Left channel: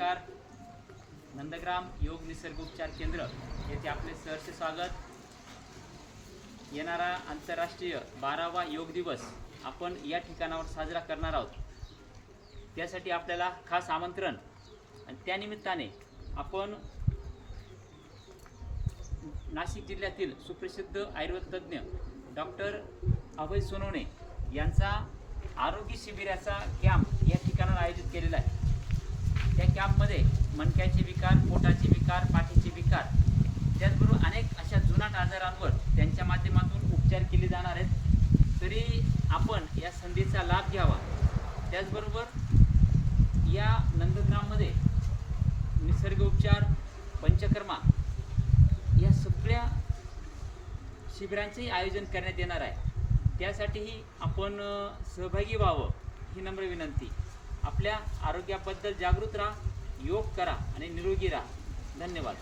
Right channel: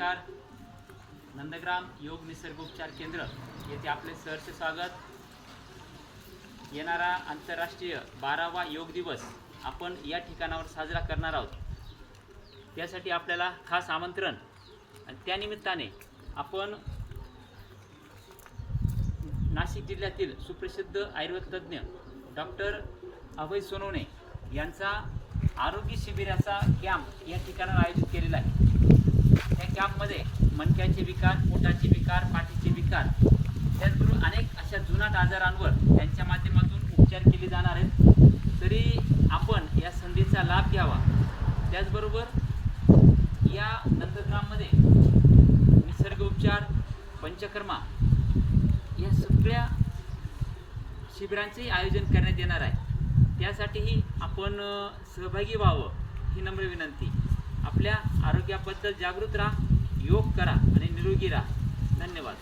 नमस्कार. नंदग्राम योग निसर्गोपचार केंद्र येथे आपले सहर्ष स्वागत. येणारा आंतरराष्ट्रीय 12वा योग दिवस आपण या ठिकाणावर साजरा करणार आहोत. त्यासाठी आपल्याला खास आमंत्रण आणि त्यानिमित्ताने आपण नाशिक जिल्ह्यातील सुप्रसिद्ध आयुर्वेद तज्ज्ञ डॉक्टर अभय सोनवणे यांचा आरोग्य शिबिराचा कॅम्प या ठिकाणावर आयोजित केलेला आहे. त्या कॅम्पमध्ये मणक्याचे विकार, पोटाचे विकार, पाठीचे विकार, त्याचबरोबर अनेक अशा जुनाट आजारांवर त्यांच्या माध्यमातून उपचार केले जाणार आहेत. तरी आपण या संधीचा लाभ घ्यावा. त्याचबरोबर या नंदग्राममध्ये निसर्ग उपचार, पंचकर्मा या सगळ्या शिबिरांचे आयोजन करण्यात येणार आहे. त्यासाठीही आपण सहभागी व्हावं ही नम्र विनंती. आपल्या आरोग्याबद्दल जागृत राहा, योग करा आणि निरोगी राहा. धन्यवाद.